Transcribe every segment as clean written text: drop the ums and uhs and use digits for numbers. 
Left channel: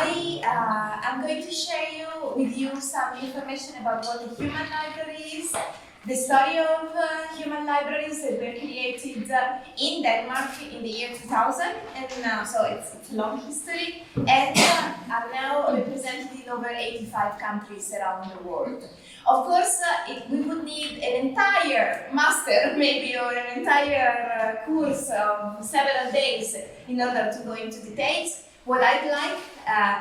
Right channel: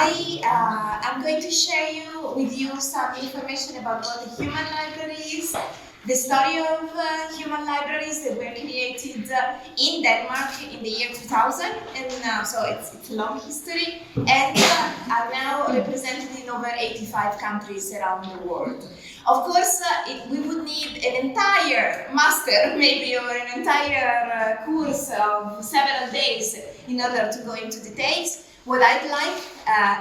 I'm going to share with you some information about what the human library is, the story of human libraries that were created in Denmark in the year 2000, and so it's a long history, and are now represented in over 85 countries around the world. Of course, we would need an entire master, maybe, or an entire course of several days in order to go into details. What I'd like,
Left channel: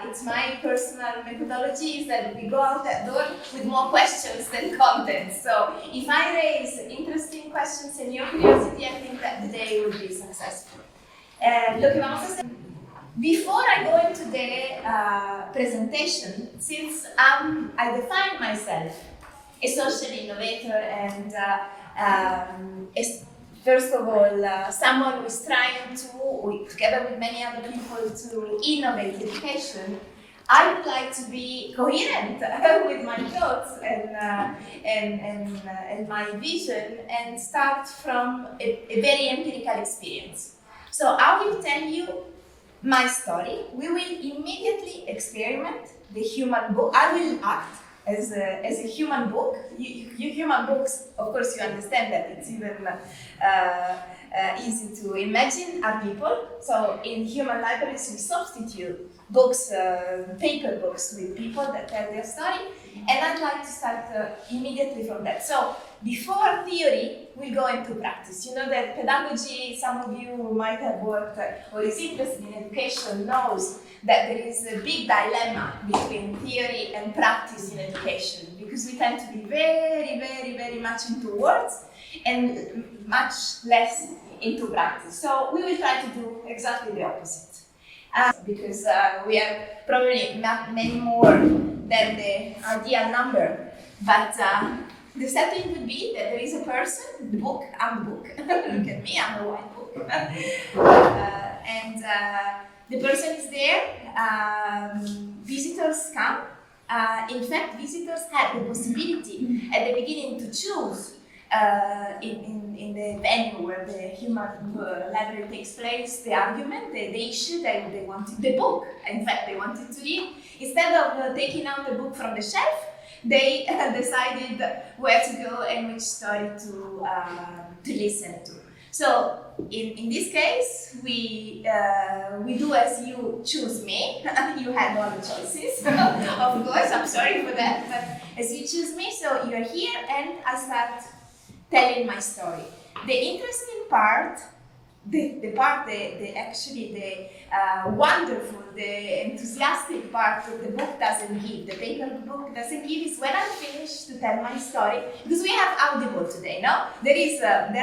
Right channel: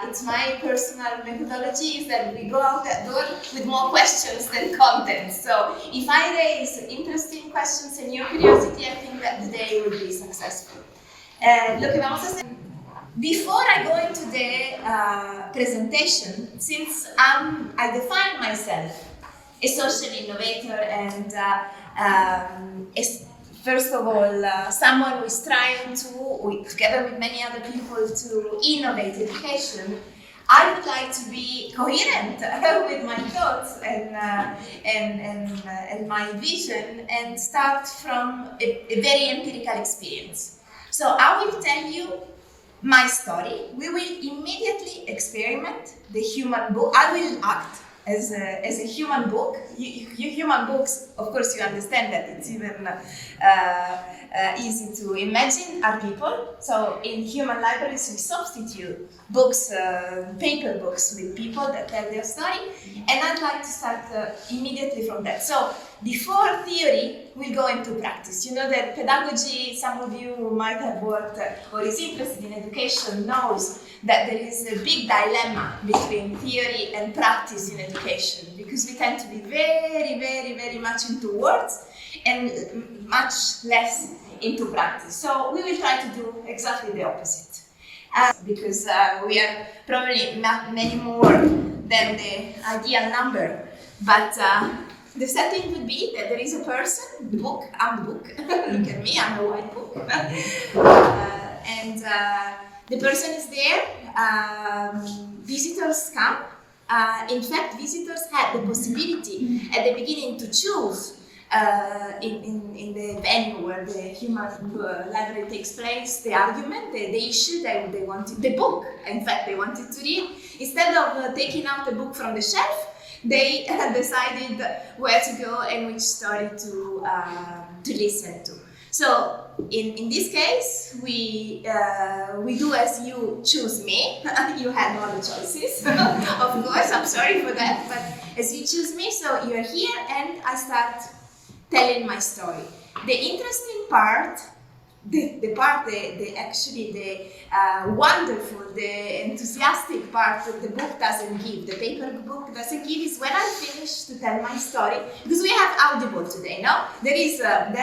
it's my personal methodology, is that we go out that door with more questions than content. So if I raise interesting questions and your curiosity, I think that the day will be successful. Lo que vamos a hacer. Before I go into the presentation, since I define myself a social innovator and first of all, someone who is trying to, together with many other people, to innovate education, I would like to be coherent with my thoughts and my vision, and start from a very empirical experience. So I will tell you my story. We will immediately experiment the human book. I will act as a human book. You human books, of course, you understand that it's even easy to imagine, are people. So in human libraries, we substitute books, paper books, with people that tell their story. And I'd like to start immediately from that. So before theory, we'll go into practice. You know that pedagogy, some of you who might have worked or is interested in education knows that there is a big dilemma between theory and practice in education, because we tend to be very, very, very much into words and much less into practice. So we will try to do exactly the opposite. Because we are probably not many more than the ideal number, but the setting would be that there is a person, the book, I'm the book, look at me, I'm a white book, and the person is there, visitors come. In fact, visitors had the possibility at the beginning to choose in the venue where the human library takes place, the argument, the issue, they wanted the book. In fact, they wanted to read. Instead of taking out the book from the shelf, they decided where to go and which story to listen to. So in this case, we do as you choose me. You had all the choices, of course. I'm sorry for that, but as you choose me, so you're here, and I start telling my story. The interesting part, actually the wonderful, the enthusiastic part that the book doesn't give, the paper book doesn't give, is when I finish to tell my story, because we have Audible today, no? There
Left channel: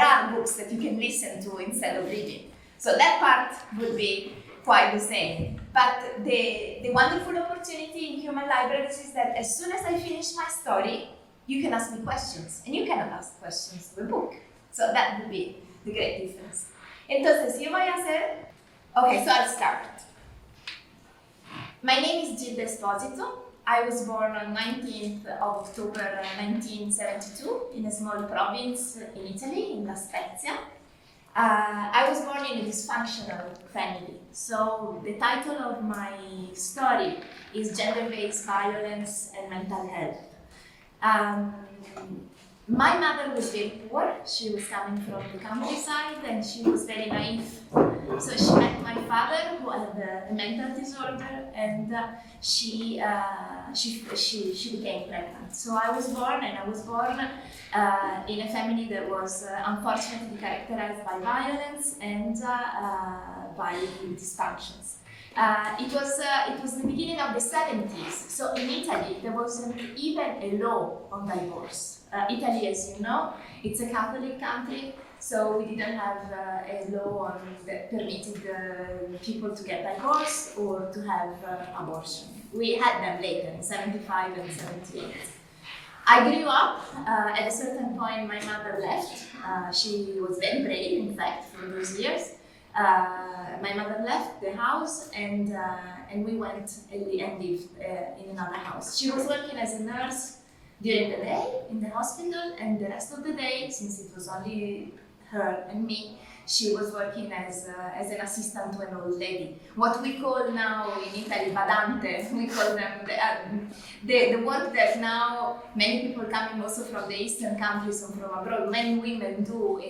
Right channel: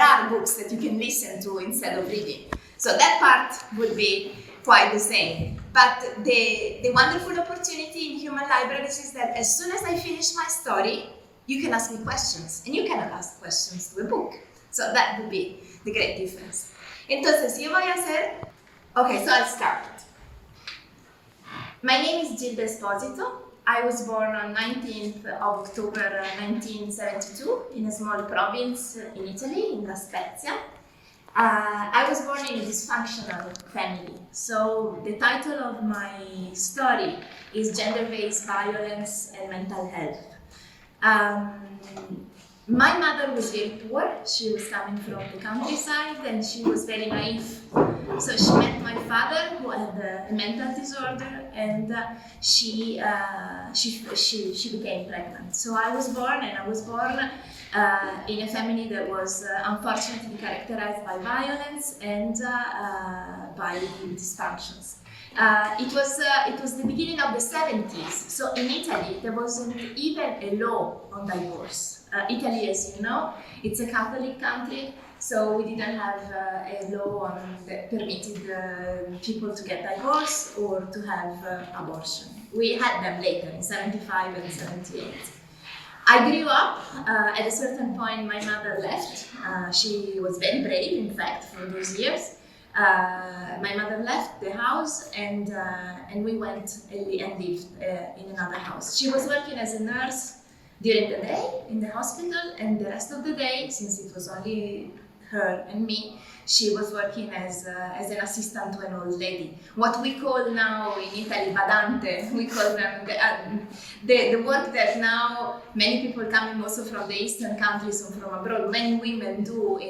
are books that you can listen to instead of reading. So that part would be quite the same. But the wonderful opportunity in human libraries is that as soon as I finish my story, you can ask me questions, and you cannot ask questions to a book. So that would be the great difference. Entonces, yo voy a hacer... Okay, so I'll start. My name is Gilda Esposito. I was born on 19th of October 1972 in a small province in Italy, in La Spezia. I was born in a dysfunctional family. So the title of my story is Gender-Based Violence and Mental Health. My mother was very poor. She was coming from the countryside, and she was very naive. So she met my father, who had a mental disorder, and she became pregnant. So I was born in a family that was unfortunately characterized by violence and by dysfunctions. It was the beginning of the 70s, so in Italy there wasn't even a law on divorce. Italy, as you know, it's a Catholic country, so we didn't have a law that permitted people to get divorced or to have abortion. We had them later, in 75 and 78. I grew up, at a certain point my mother left. She was very brave, in fact, for those years. My mother left the house, and we went and lived in another house. She was working as a nurse during the day in the hospital, and the rest of the day, since it was only her and me, she was working as an assistant to an old lady. What we call now in Italy badante, we call them the work that now many people coming also from the Eastern countries or from abroad, many women do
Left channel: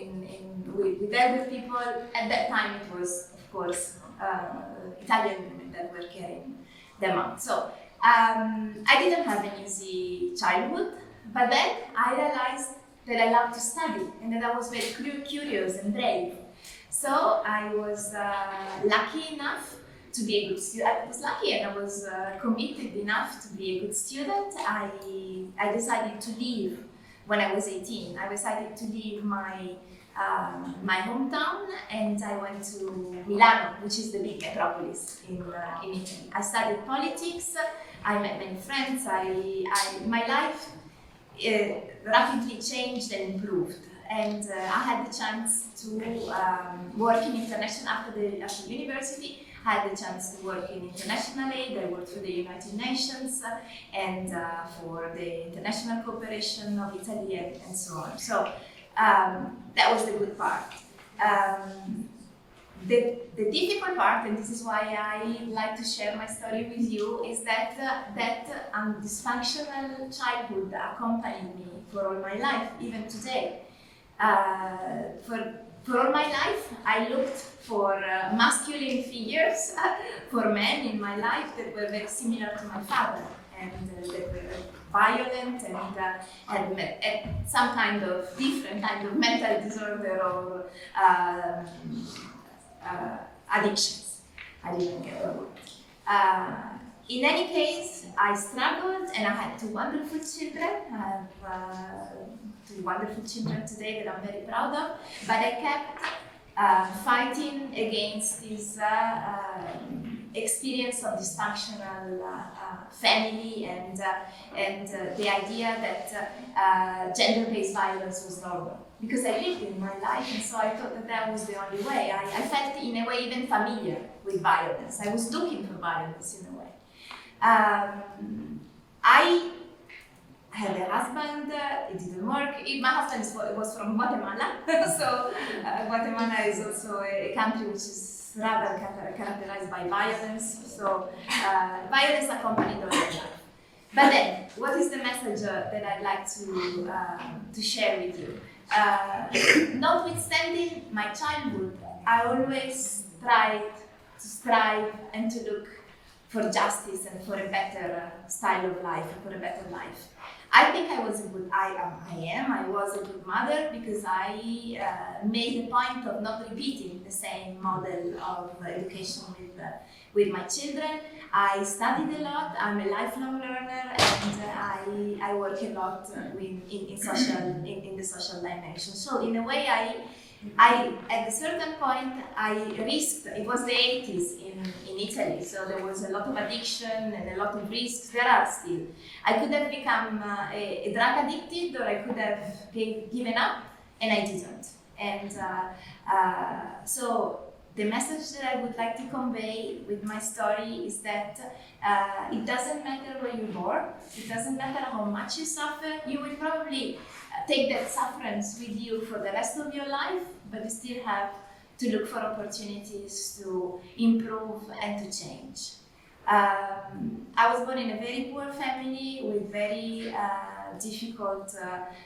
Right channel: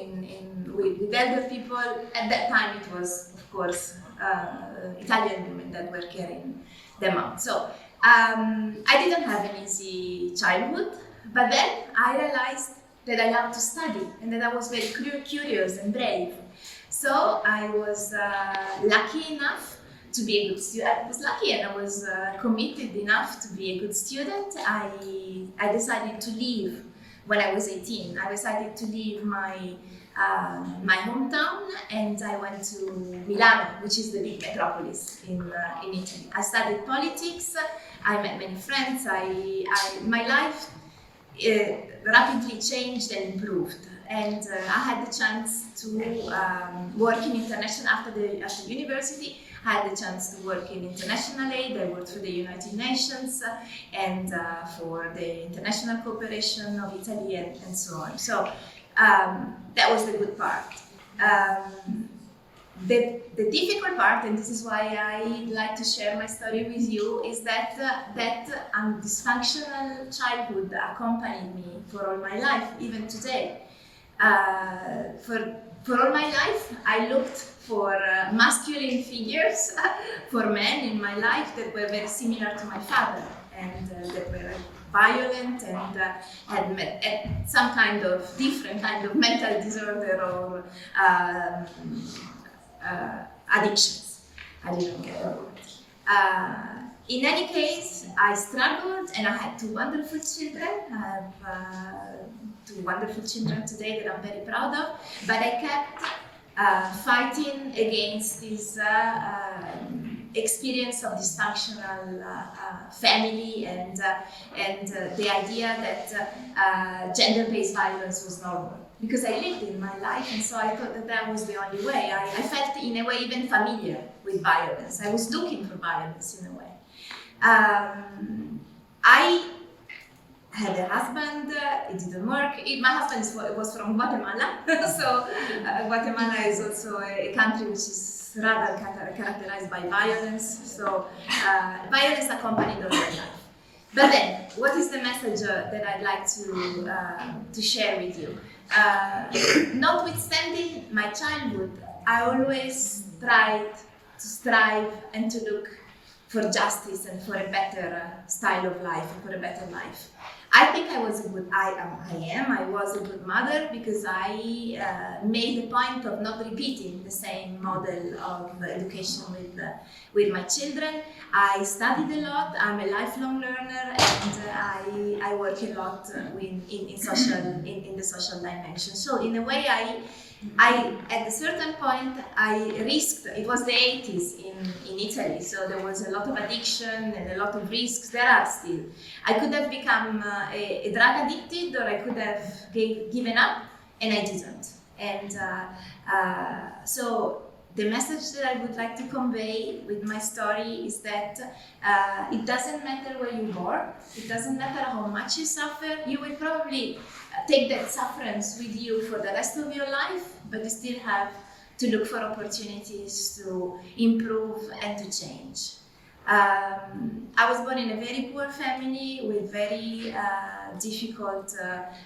with elder people. At that time it was, of course, Italian women that were carrying them out. So I didn't have an easy childhood, but then I realized that I loved to study and that I was very curious and brave. So I was lucky enough to be a good student. I was lucky and I was committed enough to be a good student. I decided to leave when I was 18. I decided to leave my hometown and I went to Milano, which is the big metropolis in Italy. I studied politics. I met many friends. My life rapidly changed and improved, and I had the chance to work in international after university. I had the chance to work in international aid. I worked for the United Nations and for the international cooperation of Italy and so on. So that was the good part. The difficult part, and this is why I like to share my story with you, is that dysfunctional childhood accompanied me for all my life, even today. For all my life, I looked for masculine figures for men in my life that were very similar to my father and that were violent and had some kind of different kind of mental disorder or addictions. I didn't get the word. In any case, I struggled and I had two wonderful children. I have two wonderful children today that I'm very proud of, but I kept fighting against this experience of dysfunctional family and the idea that gender-based violence was normal. Because I lived in my life, and so I thought that was the only way. I felt in a way even familiar with violence. I was looking for violence in a way. I had a husband, it didn't work. My husband was from Guatemala, so Guatemala is also a country which is rather characterized by violence, so violence accompanied all my life. But then, what is the message that I'd like to share with you? Notwithstanding my childhood, I always tried to strive and to look for justice and for a better style of life and for a better life. I think I was a good mother because I made a point of not repeating the same model of education with my children. I studied a lot, I'm a lifelong learner, and I work a lot in the social dimension. So in a way, I at a certain point, I risked, it was the 80s in Italy, so there was a lot of addiction and a lot of risks. There are still. I could have become a drug addicted, or I could have given up, and I didn't. And so the message that I would like to convey with my story is that it doesn't matter where you're born, it doesn't matter how much you suffer, you will probably take that sufferance with you for the rest of your life, but you still have to look for opportunities to improve and to change. I was born in a very poor family with very difficult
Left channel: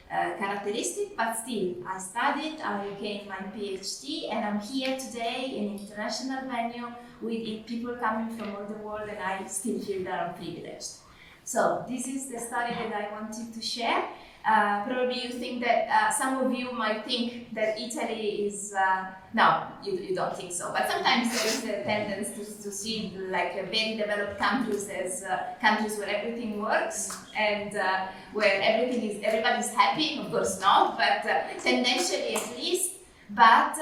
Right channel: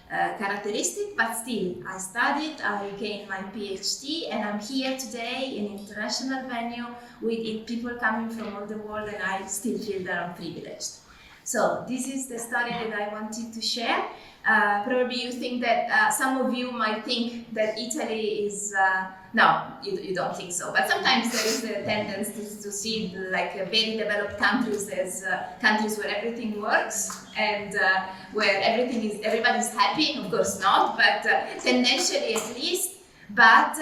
characteristics, but still I studied, I gained my PhD, and I'm here today in an international venue with people coming from all the world, and I still feel that I'm privileged. So this is the story that I wanted to share. Probably you think that some of you might think that Italy is, no, you don't think so, but sometimes there is a tendency to see like very developed countries as countries where everything works and where everybody's happy. Of course not, but tendentially at least. But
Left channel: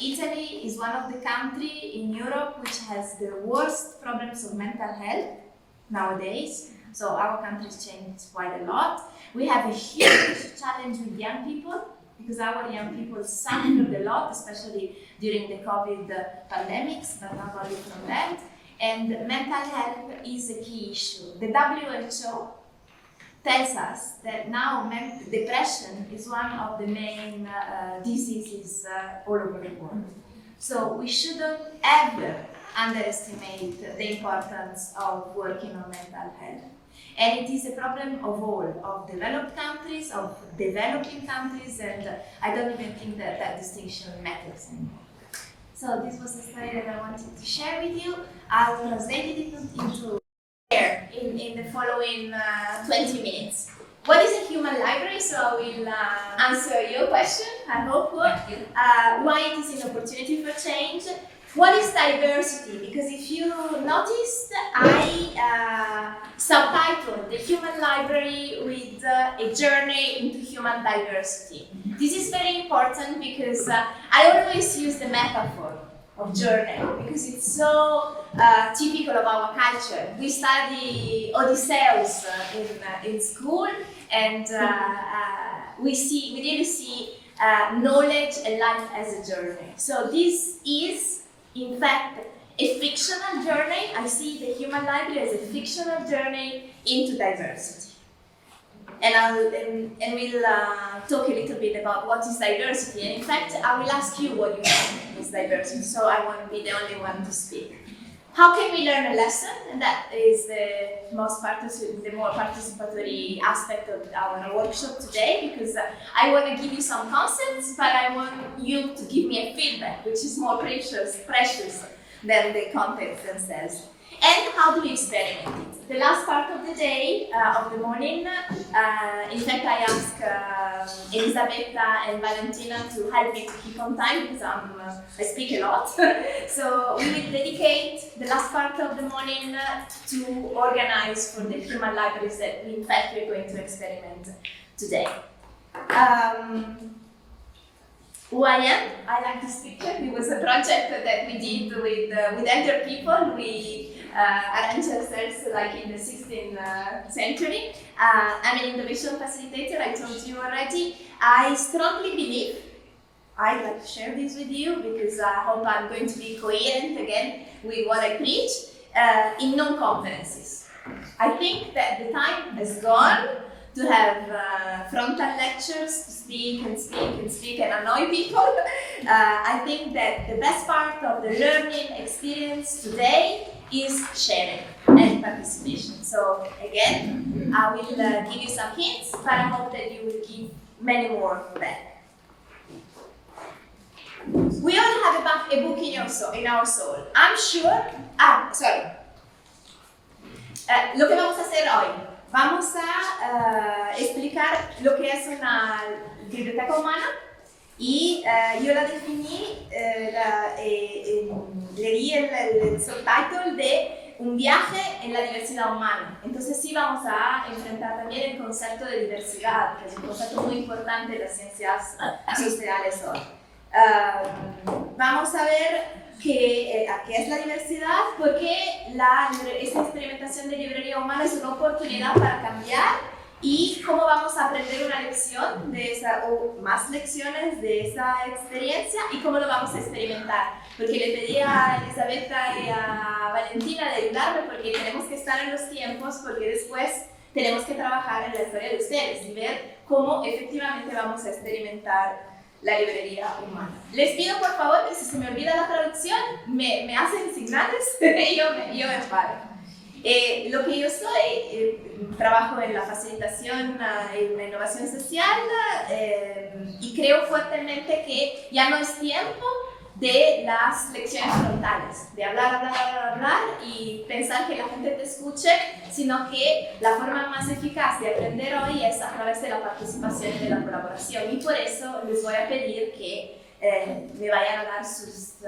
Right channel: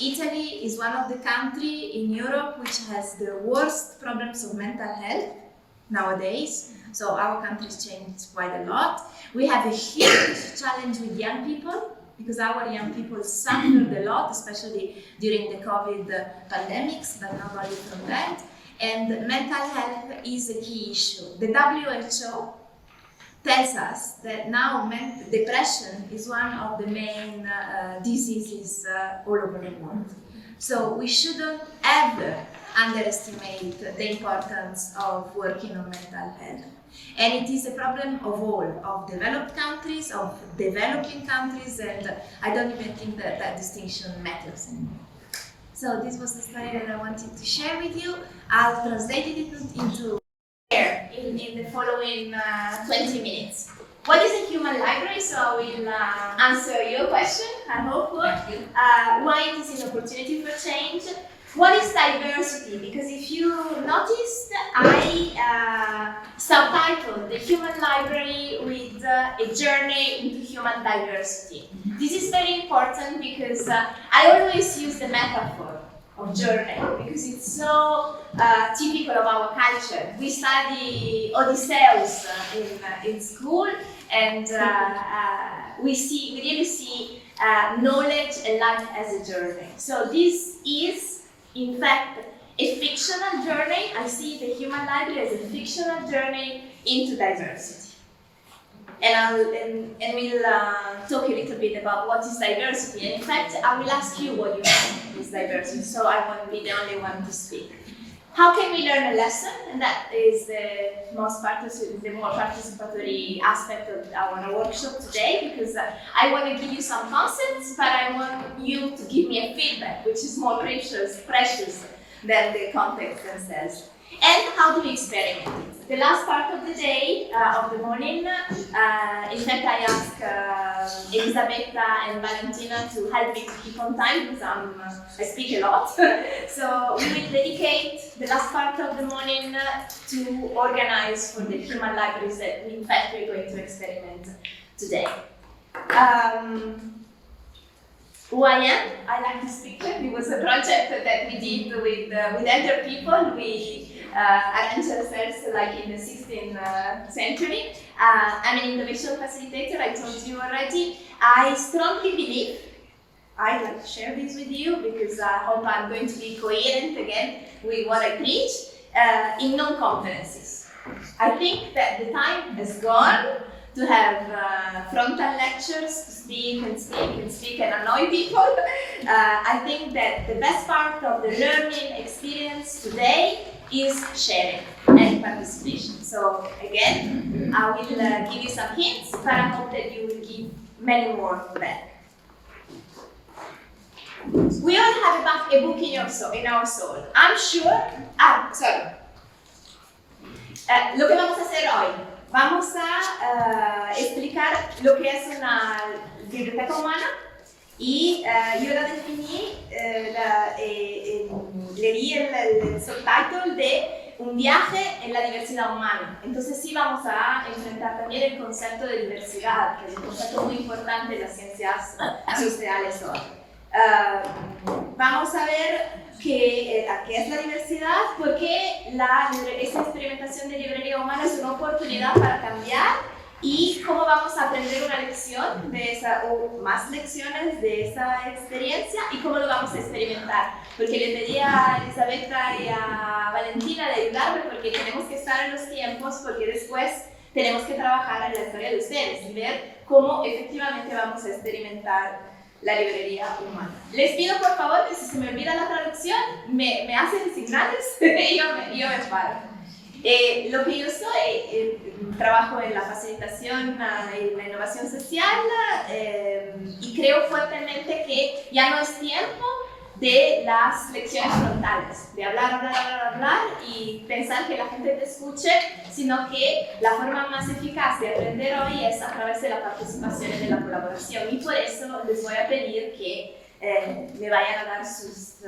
Italy is one of the countries in Europe which has the worst problems of mental health nowadays. So our country's changed quite a lot. We have a huge challenge with young people because our young people suffered a lot, especially during the COVID pandemics, but not only from that. And mental health is a key issue. The WHO tells us that now depression is one of the main diseases all over the world. So we shouldn't ever underestimate the importance of working on mental health. And it is a problem of all, of developed countries, of developing countries, and I don't even think that that distinction matters anymore. So this was the story that I wanted to share with you. I'll translate it into in the following 20 minutes. What is a human library? So I will answer your question, I hope. Why it is an opportunity for change? What is diversity? Because if you noticed, I subtitled the human library with a journey into human diversity. This is very important because I always use the metaphor of journey because it's so typical of our culture. We study Odysseus in school, and we really see knowledge and life as a journey. So this is, in fact, a fictional journey. I see the human library as a fictional journey into diversity. And we'll talk a little bit about what is diversity. And in fact, I will ask you what you think is diversity, so I won't be the only one to speak. How can we learn a lesson? And that is the more participatory aspect of our workshop today, because I want to give you some concepts, but I want you to give me a feedback, which is more precious than the context themselves. And how do we experiment it? The last part of the day, of the morning, in fact I asked Elisabetta and Valentina to help me to keep on time because I speak a lot. So we will dedicate the last part of the morning to organize for the human libraries that we, in fact, we're going to experiment today. Who I am? I like this picture. It was a project that we did with elder people. We arranged ourselves like in the 16th century. I'm an innovation facilitator, I told you already. I strongly believe, I'd like to share this with you because I hope I'm going to be coherent again with what I preach, in non-conferences. I think that the time has gone to have frontal lectures, to speak and annoy people. I think that the best part of the learning experience today is sharing and participation. So again, I will give you some hints, but I hope that you will give many more back. We all have a book in our soul. I'm sure. Lo que vamos a hacer hoy. Vamos a explicar lo que es una biblioteca humana y yo la definí, le di el subtitle de un viaje en la diversidad humana. Entonces sí vamos a enfrentar también el concepto de diversidad, que es un concepto muy importante en las ciencias sociales hoy. Vamos a ver qué es la diversidad, porque esta experimentación de librería humana es una oportunidad para cambiar y cómo vamos a aprender una lección de esa, o más lecciones de esa experiencia y cómo lo vamos a experimentar. Porque le pedí a Elisabetta y a Valentina de ayudarme porque tenemos que estar en los tiempos, porque después tenemos que trabajar en la historia de ustedes y ver cómo efectivamente vamos a experimentar la librería humana. Les pido por favor que si se me olvida la traducción, me hacen señales y yo me paro. Lo que yo soy, trabajo en la facilitación y la innovación social y creo fuertemente que ya no es tiempo de las lecciones frontales, de hablar y pensar que la gente te escuche, sino que la forma más eficaz de aprender hoy es a través de la participación y de la colaboración. Y por eso les voy a pedir que me vayan a dar sus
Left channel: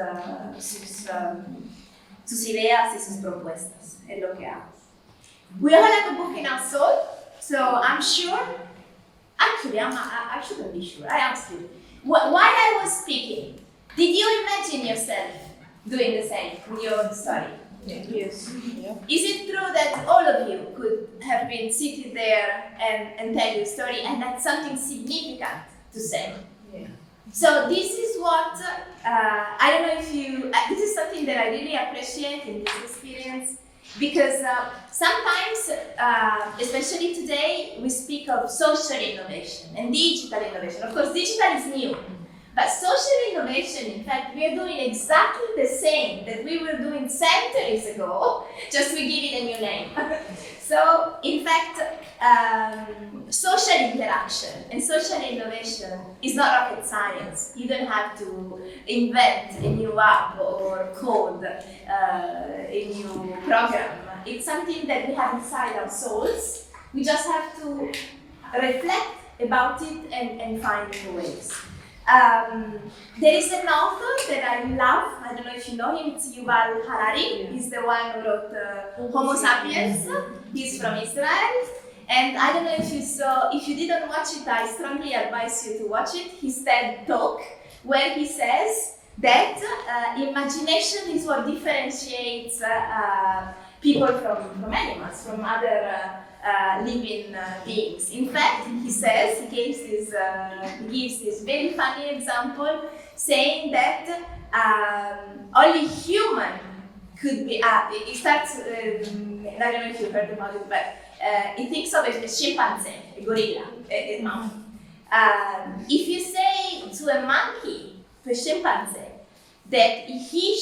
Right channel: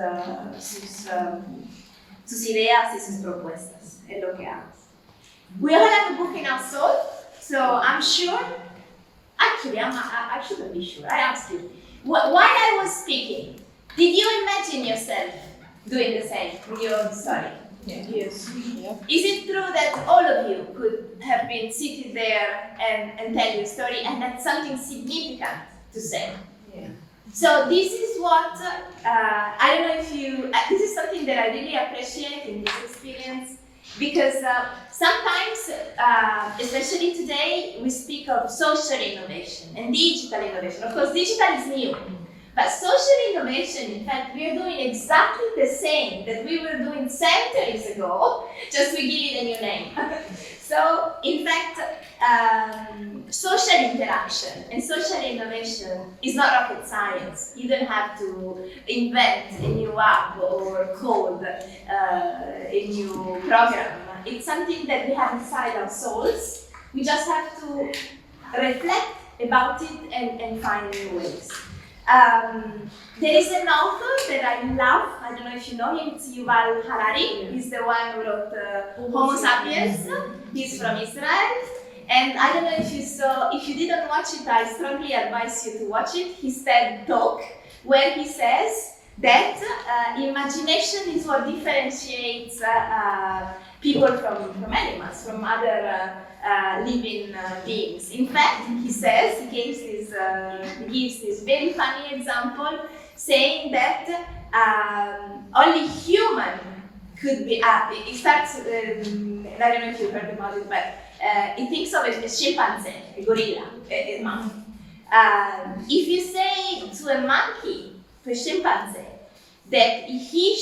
ideas y sus propuestas en lo que hago. We all have a book in our soul, so I'm sure, actually I shouldn't be sure, I asked you, while I was speaking, did you imagine yourself doing the same with your own story? Yeah. Yes. Yeah. Is it true that all of you could have been seated there and tell your story and had something significant to say? Yeah. So this is what, I don't know if you, this is something that I really appreciate in this experience, Because sometimes, especially today, we speak of social innovation and digital innovation. Of course, digital is new, but social innovation, in fact, we are doing exactly the same that we were doing centuries ago, just we give it a new name. So, in fact, social interaction and social innovation is not rocket science. You don't have to invent a new app or code a new program. It's something that we have inside our souls. We just have to reflect about it and find new ways. There is an author that I love, I don't know if you know him, it's Yuval Harari. He's the one who wrote Homo Sapiens. He's from Israel. And I don't know if you saw, if you didn't watch it, I strongly advise you to watch it. His TED Talk, where he says that imagination is what differentiates people from animals, from other living beings. In fact, he says, he gives this very funny example, saying that only human could be, it starts, I don't know if you heard about it, but it thinks of a chimpanzee, a gorilla, a monkey. If you say to a monkey, to a chimpanzee, that he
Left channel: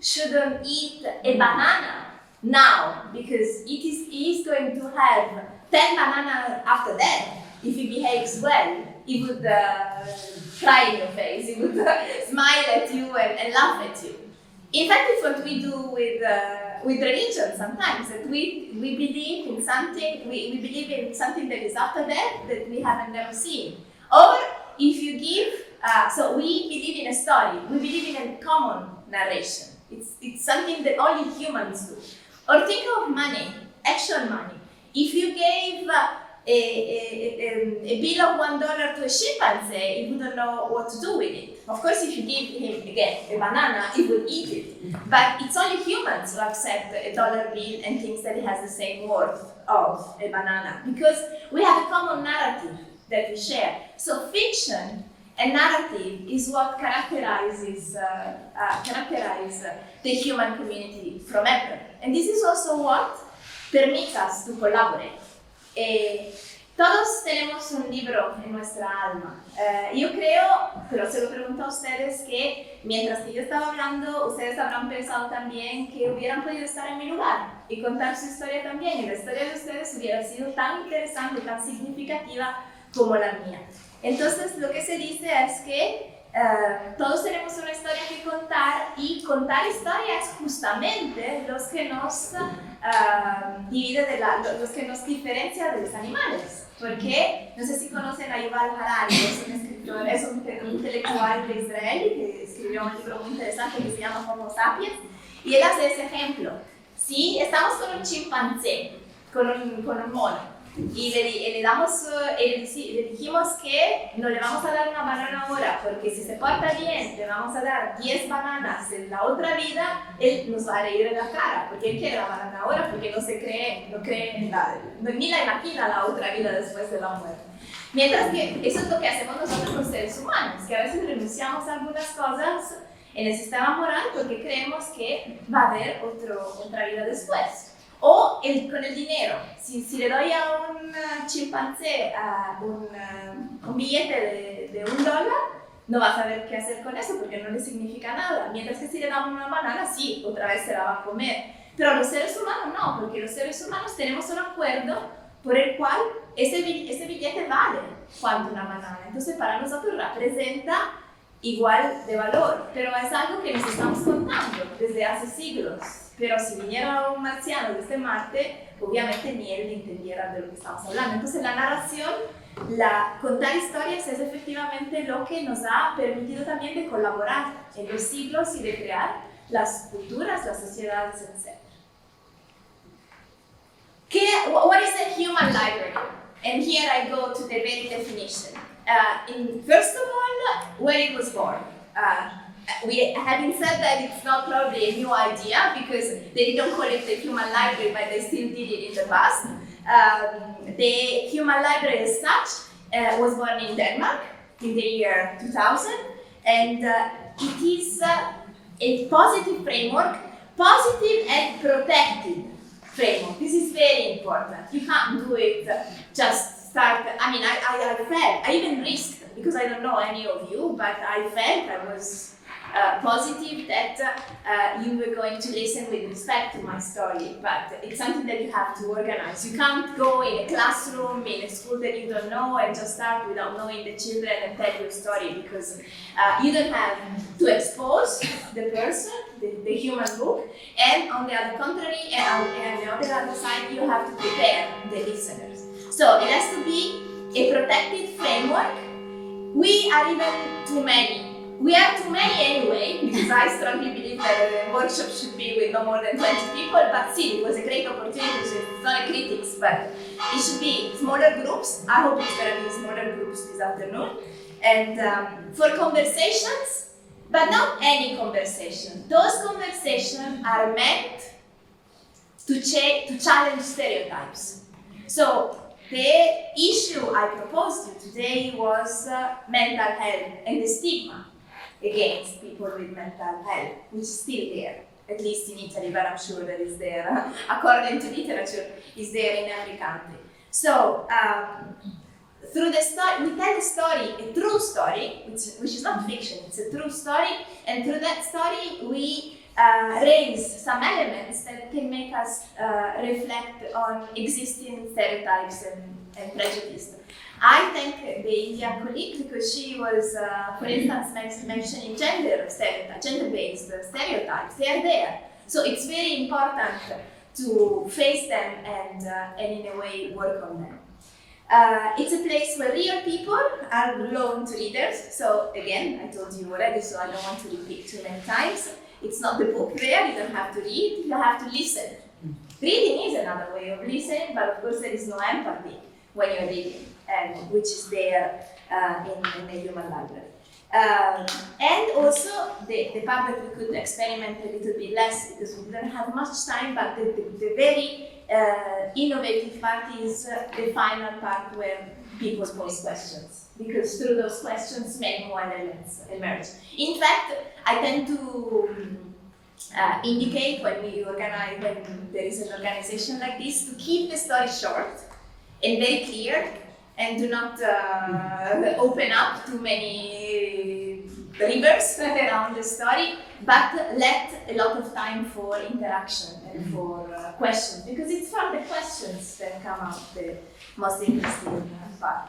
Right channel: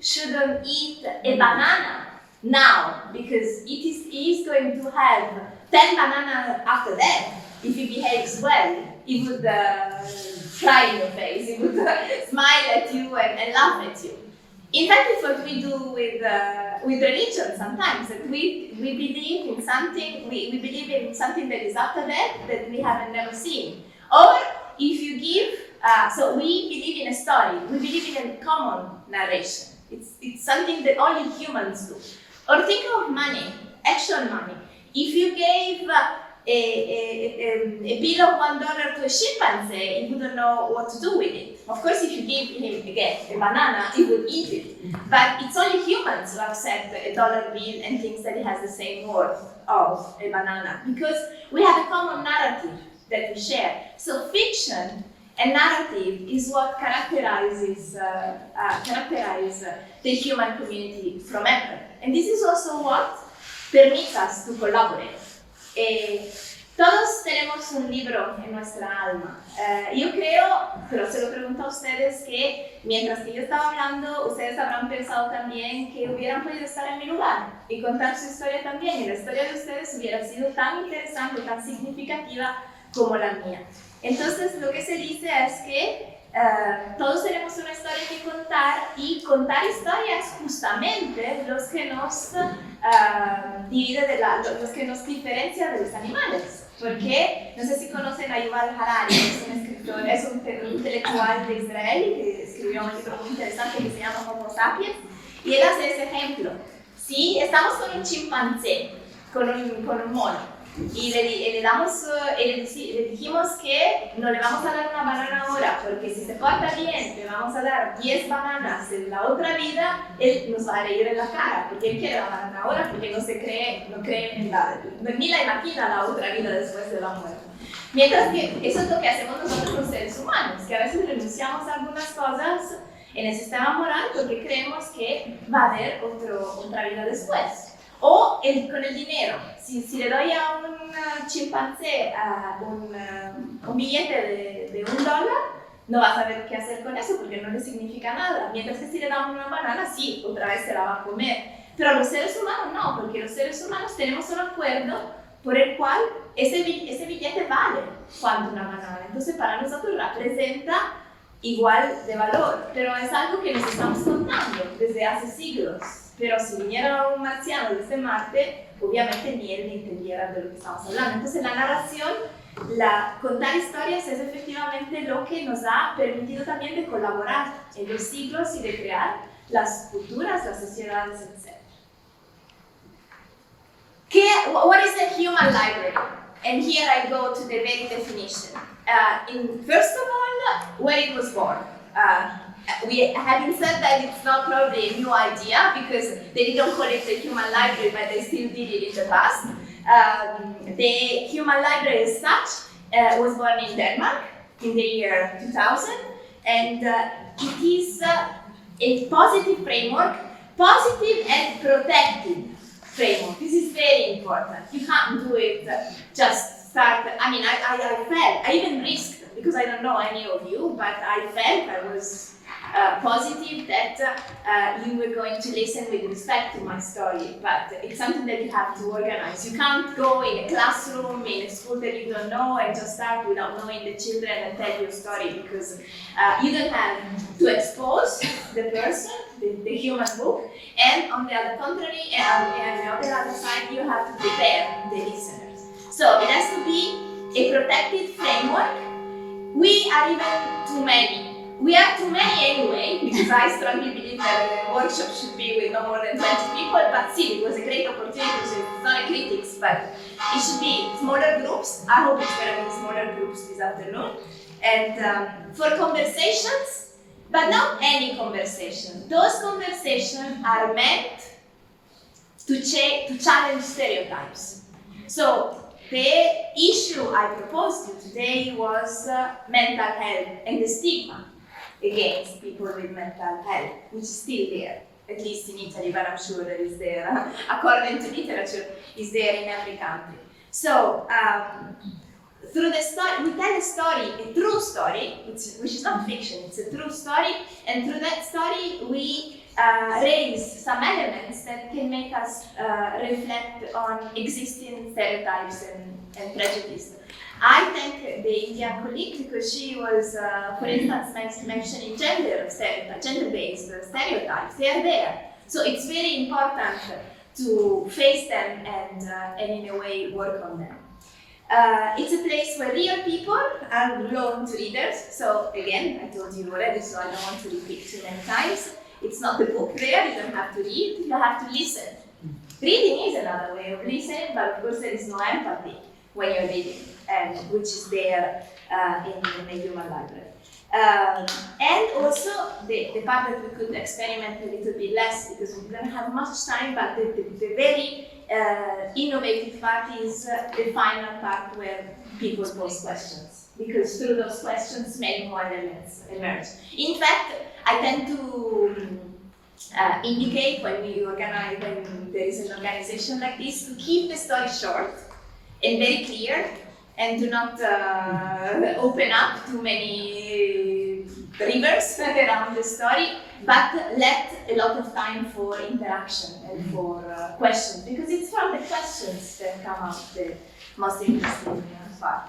shouldn't eat a banana now, because he is going to have 10 bananas after that. If he behaves well, he would cry in your face, he would smile at you and laugh at you. In fact, it's what we do with religion sometimes, that we believe in something, we believe in something that is after death that we haven't never seen. Or if you give, so we believe in a story, we believe in a common narration. It's something that only humans do. Or think of money, actual money. If you gave a bill of $1 to a chimpanzee, he wouldn't know what to do with it. Of course, if you give him, again, a banana, he would eat it. But it's only humans who accept a dollar bill and thinks that it has the same worth of a banana, because we have a common narrative that we share. So fiction and narrative is what characterizes the human community from ever. And this is also what permits us to collaborate. Todos tenemos un libro en nuestra alma. Yo creo, pero se lo pregunto a ustedes, que mientras que yo estaba hablando, ustedes habrán pensado también que hubieran podido estar en mi lugar y contar su historia también, y la historia de ustedes hubiera sido tan interesante, tan significativa como la mía. Entonces, lo que se dice es que todos tenemos una historia que contar, y contar historias justamente los que nos los que nos diferencia de los animales. Porque, no sé si conocen a Yuval Harari, es un escritor, es un intelectual de Israel que escribió un libro muy interesante que se llama Homo Sapiens, y él hace ese ejemplo. Si estamos con un chimpancé, con un mono, y le dijimos que no le vamos a dar una banana ahora, porque si se porta bien, le vamos a dar 10 bananas en la otra vida, él nos va a reír en la cara, porque él quiere la banana ahora, porque no cree ni la imagina la otra vida después de la muerte. Mientras que eso es lo que hacemos nosotros los seres humanos, que a veces renunciamos a algunas cosas en el sistema moral porque creemos que va a haber otra vida después. O con el dinero, si le doy a un chimpancé un billete de $1, no va a saber qué hacer con eso porque no le significa nada. Mientras que si le damos una banana, sí, otra vez se la va a comer. Pero los seres humanos no, porque los seres humanos tenemos un acuerdo por el cual ese billete vale cuanto una banana. Entonces para nosotros representa igual de valor, pero es algo que nos estamos contando desde hace siglos. Pero si viniera un marciano desde Marte, obviamente ni él ni entendiera de lo que estamos hablando. Entonces la narración, contar historias es efectivamente lo que nos ha permitido también de colaborar en los siglos y de crear las culturas, las sociedades, etc. What is a human library? And here I go to the very definition. First of all, where it was born. Having said that, it's not probably a new idea because they didn't call it the human library, but they still did it in the past. The human library as such was born in Denmark in the year 2000, and it is a positive framework positive and protected framework. This is very important. You can't do it just start. I mean, I felt, I even risked, because I don't know any of you, but I felt I was positive that you were going to listen with respect to my story, but it's something that you have to organize. You can't go in a classroom, in a school that you don't know, and just start without knowing the children and tell your story, because you don't have to expose the person, the human book, and on the other contrary, and on the other side, you have to prepare the listeners. So it has to be a protected framework. We are even too many. We are too many anyway, because I strongly believe that a workshop should be with no more than 20 people, but still, it was a great opportunity, so it's not a critics, but it should be smaller groups. I hope it's going to be smaller groups this afternoon. And for conversations, but not any conversation. Those conversations are meant to challenge stereotypes. So the issue I proposed to you today was mental health and the stigma against people with mental health, which is still there, at least in Italy, but I'm sure that is there, according to literature, is there in every country. So, through the story, we tell a story, a true story, which is not fiction, it's a true story, and through that story, we raise some elements that can make us reflect on existing stereotypes and prejudice. I thank the Indian colleague because she was, for instance, mentioning gender-based stereotypes. They are there. So it's very important to face them and in a way work on them. It's a place where real people are loaned to readers. So again, I told you already, so I don't want to repeat too many times. It's not the book there, you don't have to read, you have to listen. Reading is another way of listening, but of course there is no empathy when you're reading, which is there in the human library. And also the part that we could experiment a little bit less because we didn't have much time, but the very innovative part is the final part where people pose questions, because through those questions many more elements emerge. In fact, I tend to indicate when there is an organization like this, to keep the story short and very clear, and do not open up too many rivers around the story, but let a lot of time for interaction and for questions, because it's from the questions that come out the most interesting part.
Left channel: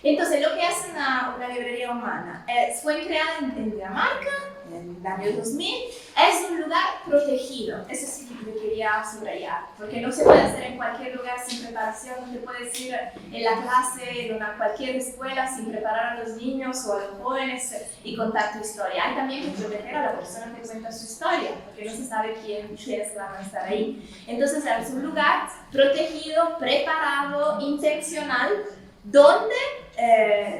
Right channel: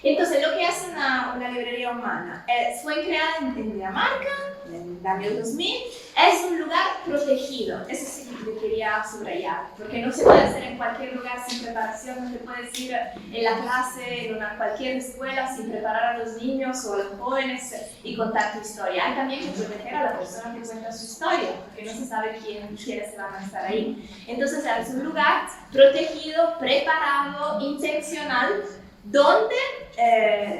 Entonces, lo que hace una librería humana fue creada en Dinamarca en el año 2000. Es un lugar protegido, eso sí que quería subrayar, porque no se puede hacer en cualquier lugar sin preparación, no se puede ir en la clase, en cualquier escuela, sin preparar a los niños o a los jóvenes y contar tu historia. Hay también que proteger a la persona que cuenta su historia, porque no se sabe quiénes van a estar ahí. Entonces, es un lugar protegido, preparado, intencional, donde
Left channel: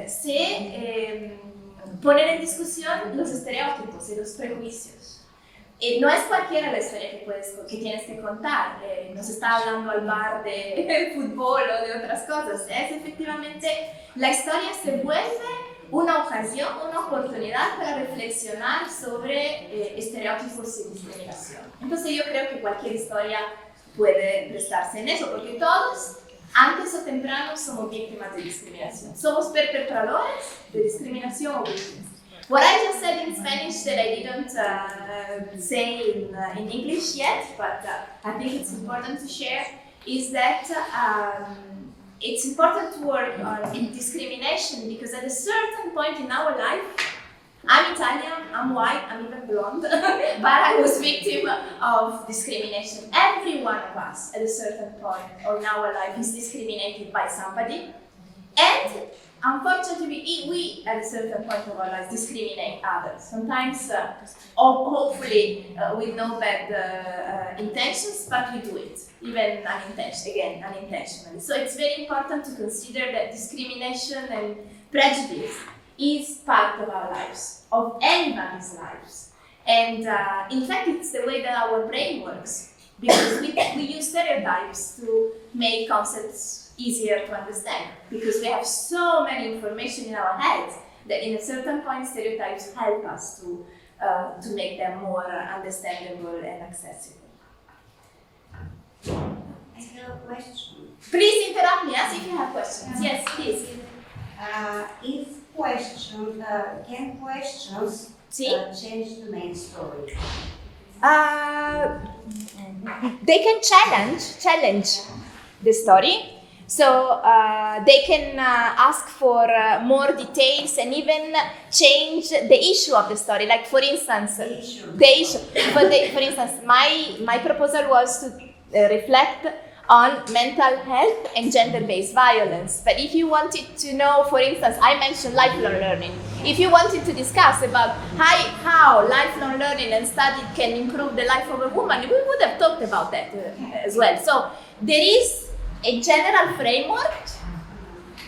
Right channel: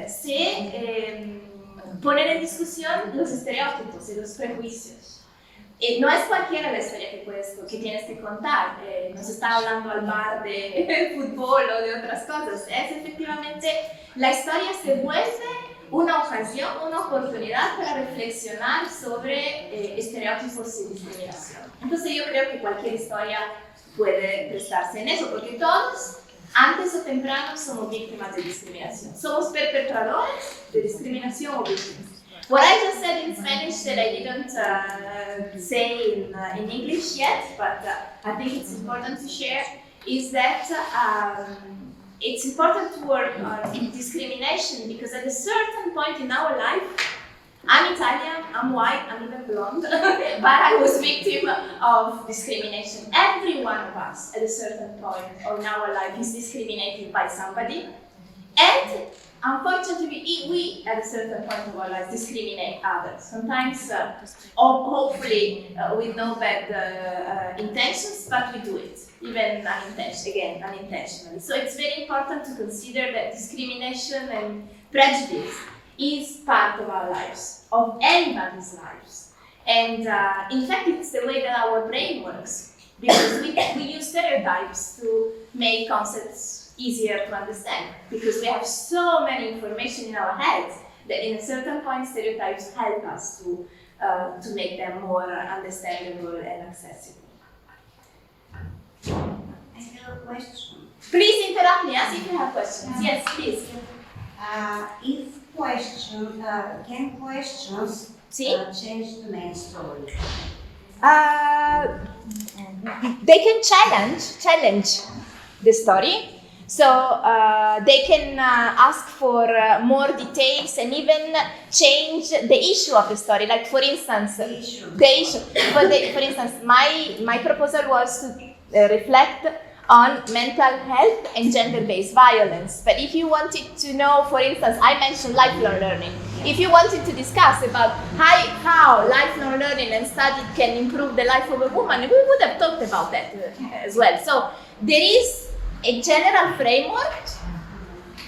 se ponen en discusión los estereotipos y los prejuicios. No es cualquiera la historia que tienes que contar, no se está hablando al bar de fútbol o de otras cosas, es efectivamente la historia se vuelve una ocasión, una oportunidad para reflexionar sobre estereotipos y discriminación. Entonces yo creo que cualquier historia puede prestarse en eso, porque todos antes o temprano somos víctimas de discriminación. Somos perpetradores de discriminación o víctimas. What I just said in Spanish that I didn't say in English yet, but I think it's important to share, is that it's important to work on discrimination, because at a certain point in our life, I'm Italian, I'm white, I'm even blonde, but I was victim of discrimination. Every one of us at a certain point in our life is discriminated by somebody, and unfortunately we at a certain point of our life discriminate others. Sometimes, hopefully with no bad intentions, but we do it, even unintentionally. So it's very important to consider that discrimination and prejudice is part of our lives, of anybody's lives. And in fact, it's the way that our brain works, because we use stereotypes to make concepts easier to understand, because we have so many information in our heads that in a certain point stereotypes help us to to make them more understandable and accessible. I have a question. Please interrupt me if you have questions. Yes, please. Can questions change the main story? They can challenge the story. So they can ask for more details and even change the issue of the story. Like for instance, the issue. For instance, my proposal was to reflect on mental health and gender-based violence. But if you wanted to know, for instance, I mentioned lifelong learning. If you wanted to discuss about how lifelong learning and study can improve the life of a woman, we would have talked about that as well. So there is a general framework,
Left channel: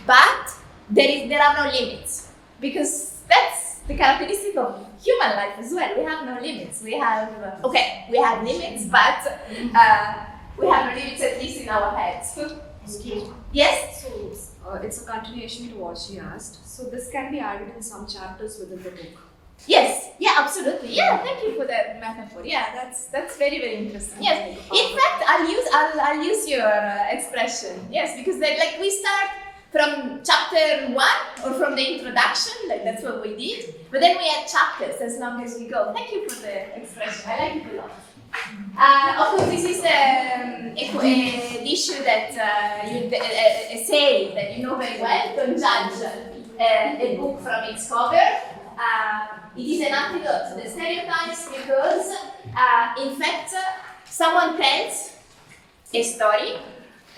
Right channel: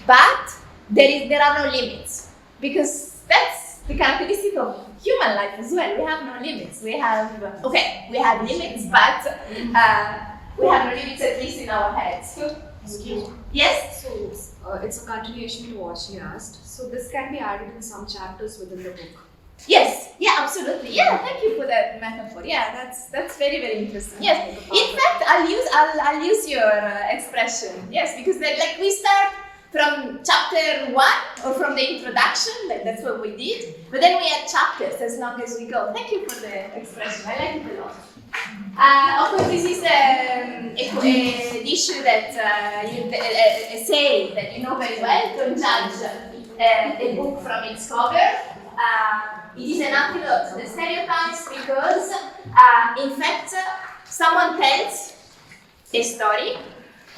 but there are no limits, because that's the characteristic of human life as well. We have no limits. We have limits, but we have no limits, at least in our heads. Excuse me. Yes? So, it's a continuation to what she asked. So, this can be added in some chapters within the book. Yes, yeah, absolutely. Yeah, thank you for that metaphor. Yeah, that's very, very interesting. Yes, in fact, I'll use your expression. Yes, because we start from chapter 1 or from the introduction, that's what we did. But then we add chapters as long as we go. Thank you for the expression. I like it a lot. Of course, this is an issue that a saying that you know very well. Don't judge a book from its cover. It is an antidote to the stereotypes because, in fact, someone tells a story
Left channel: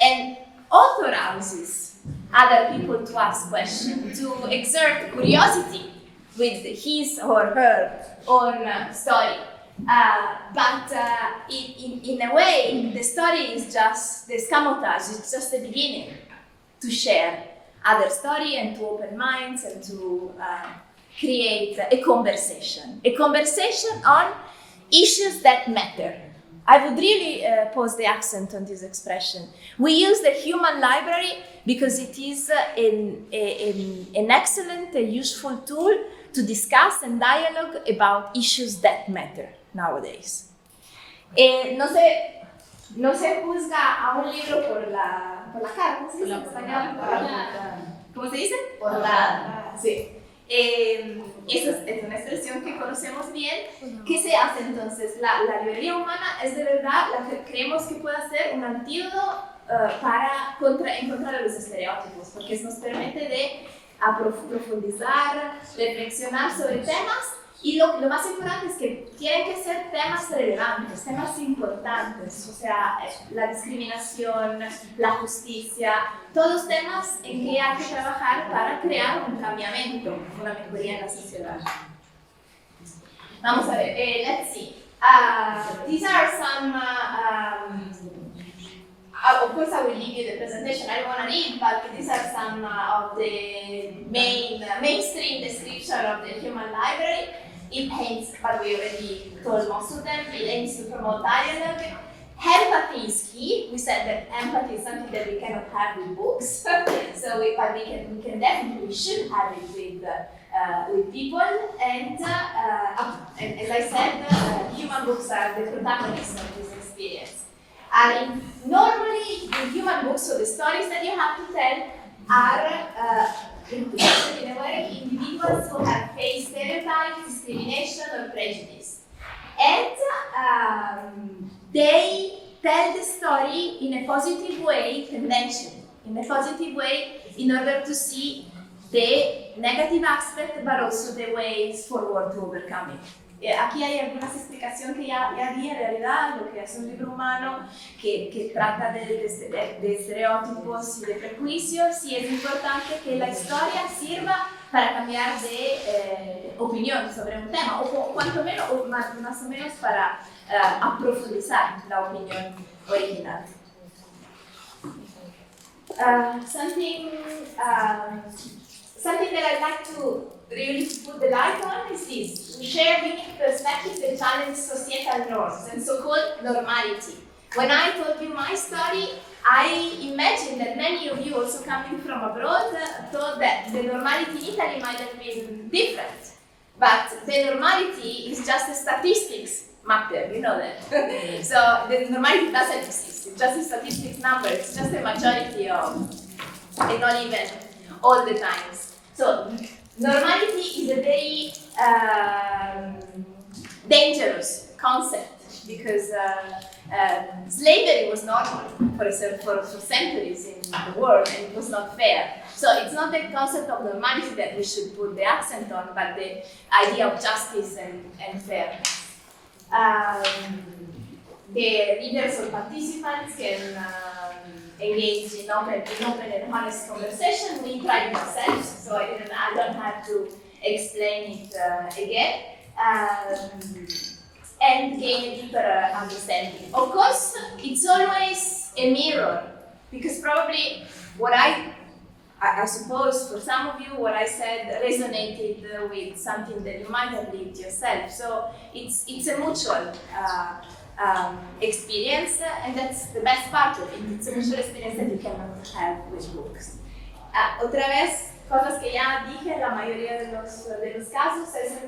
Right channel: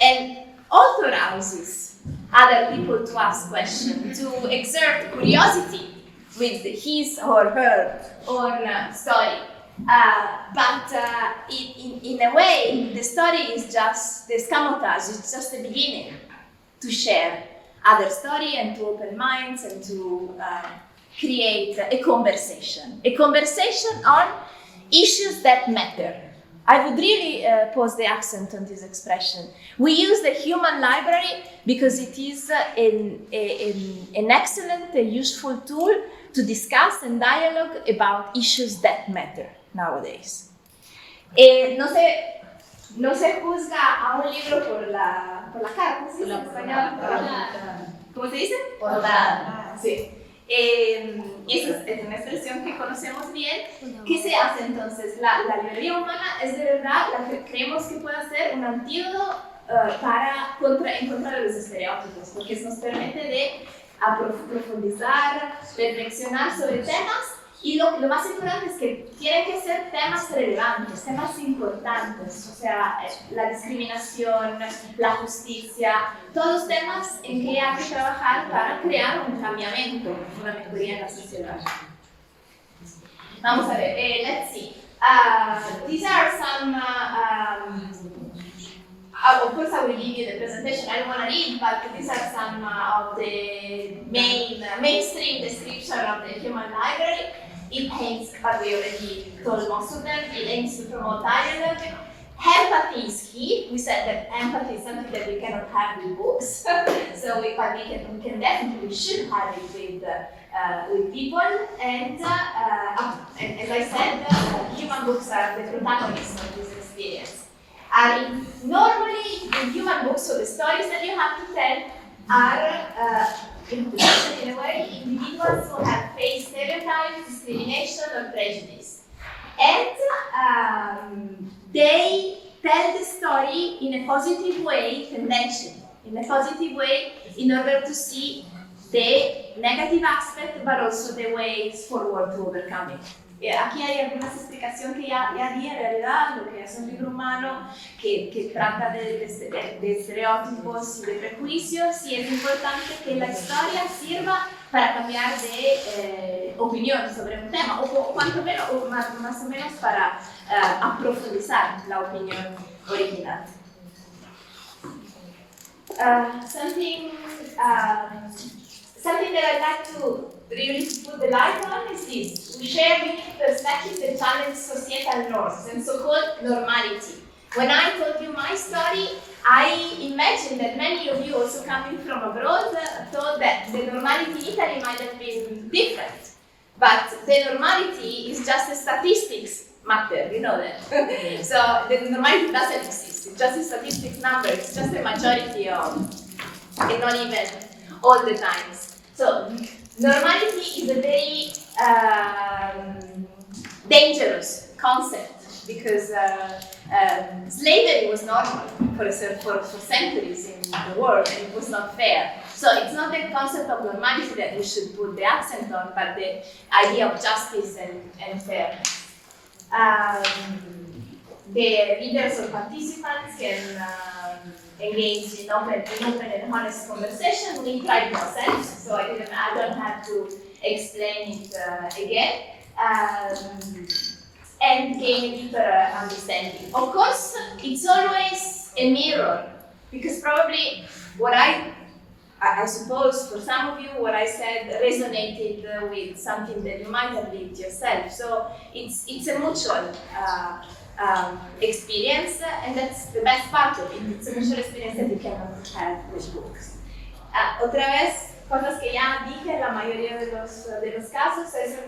and authorizes other people to ask questions, to exert curiosity with his or her own story. But in a way, the story is just the escamotage, it's just the beginning to share other story and to open minds and to create a conversation on issues that matter. I would really pose the accent on this expression. We use the human library because it is an excellent, useful tool to discuss and dialogue about issues that matter nowadays. No se juzga a un libro por la cara, ¿cómo se dice en español? ¿Cómo se dice? Portada. Sí. Esa es una expresión que conocemos bien. ¿Qué se hace entonces? La librería humana es de verdad la que creemos que puede ser un antídoto en contra de los estereotipos, porque nos permite de profundizar, reflexionar sobre temas. Y lo más importante es que tienen que ser temas relevantes, temas importantes, o sea, la discriminación, la justicia, todos temas en que hay que trabajar para crear un cambiamiento, una mejoría en la sociedad. Vamos a ver, let's see. These are some, of course I will leave you the presentation, I don't want to read, but these are some of the mainstream description of the human library. It paints, but we already told most of them, it aims to promote dialogue. Empathy is key. We said that empathy is something that we cannot have with books, so we can definitely should have it with people. And as I said, human books are the protagonists of this experience. Normally, the human books, so the stories that you have to tell, are in a way individuals who have faced stereotypes, discrimination, or prejudice. And they tell the story in a positive way, conventionally, in a positive way, in order to see the negative aspect, but also the ways forward to overcome it. Aquí hay algunas explicaciones que ya di en realidad, lo que es un libro humano que trata de estereotipos y de prejuicios, y es importante que la historia sirva para cambiar de opinión sobre un tema, o cuanto menos, o más o menos para aprofundizar la opinión original. Something that I'd like to really put the light on is this. We share unique perspectives that challenge societal norms and so-called normality. When I told you my story, I imagine that many of you also coming from abroad thought that the normality in Italy might have been different. But the normality is just a statistics matter, you know that. So the normality doesn't exist, it's just a statistics number, it's just a majority of, and not even all the times. So normality is a very dangerous concept because slavery was normal for centuries in the world, and it was not fair. So it's not the concept of normality that we should put the accent on, but the idea of justice and fairness. The readers or participants can engage in open and honest conversation in private themselves, so I don't have to explain it again. And gain a deeper understanding. Of course, it's always a mirror, because probably what I suppose for some of you what I said resonated with something that you might have lived yourself. So it's a mutual experience, and that's the best part of it. It's a mutual experience that you cannot have with books. Otra vez, cosas que ya dije, la mayoría de los casos es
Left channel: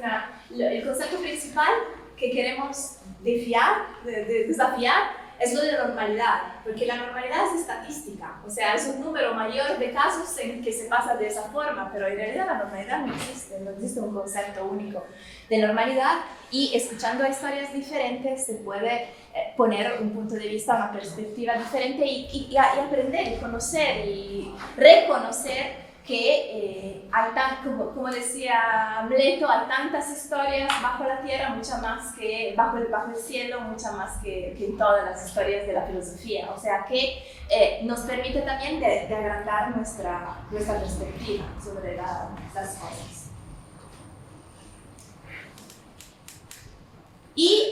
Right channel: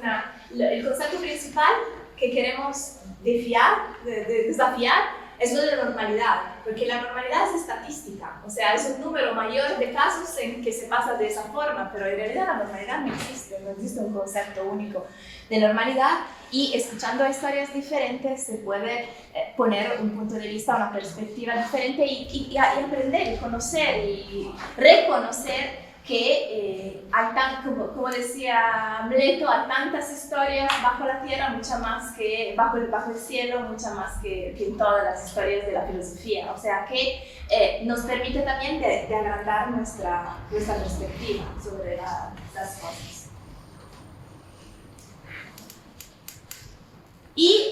el concepto principal que queremos desafiar es lo de la normalidad, porque la normalidad es estadística, o sea, es un número mayor de casos en que se pasa de esa forma, pero en realidad la normalidad no existe un concepto único de normalidad, y escuchando historias diferentes se puede poner un punto de vista, una perspectiva diferente y aprender y conocer y reconocer que como decía Amleto, hay tantas historias bajo la tierra, mucha más que bajo el cielo, mucha más que en todas las historias de la filosofía. O sea que nos permite también de agrandar nuestra perspectiva sobre las cosas.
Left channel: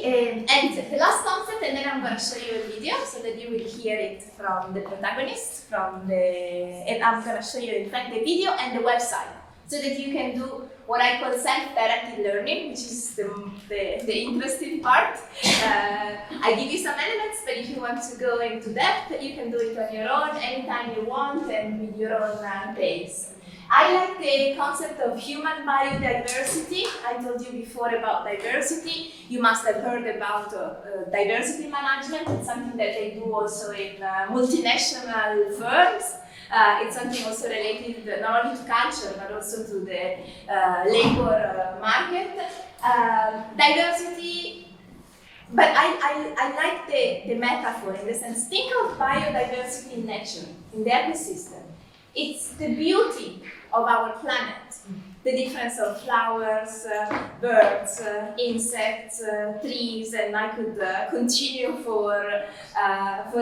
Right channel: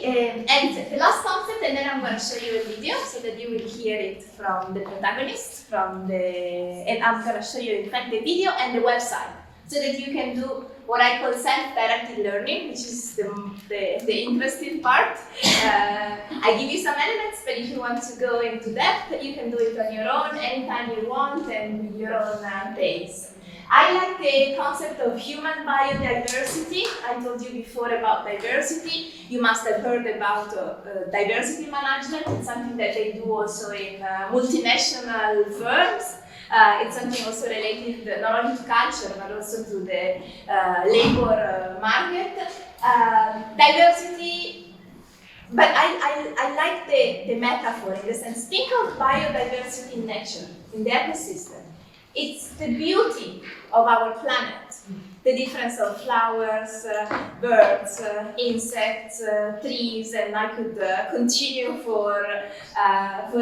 And the last concept, and then I'm going to show you a video so that you will hear it from the protagonist, and I'm going to show you in fact the video and the website so that you can do what I call self-directed learning, which is the interesting part. I give you some elements, but if you want to go into depth, you can do it on your own, anytime you want, and with your own pace. I like the concept of human biodiversity. I told you before about diversity. You must have heard about diversity management. It's something that they do also in multinational firms. It's something also related not only to culture, but also to the labor market. Diversity, but I like the metaphor in the sense, think of biodiversity in nature, in the ecosystem. It's the beauty of our planet, the difference of flowers, birds, insects, trees, and I could continue for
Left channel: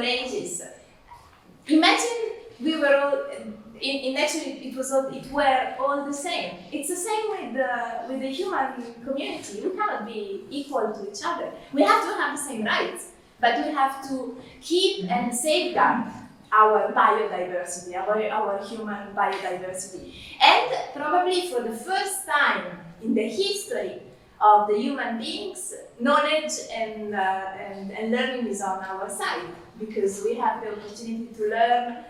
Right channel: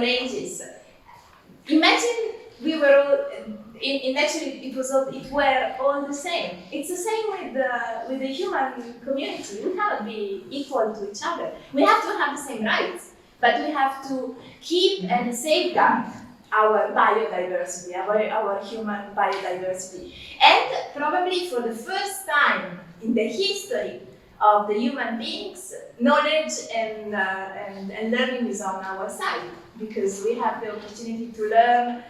ages. Imagine we were all, in nature it were all the same. It's the same with the human community. We cannot be equal to each other. We have to have the same rights, but we have to keep and safeguard our biodiversity, our human biodiversity. And probably for the first time in the history of the human beings, knowledge and learning is on our side, because we have the opportunity to learn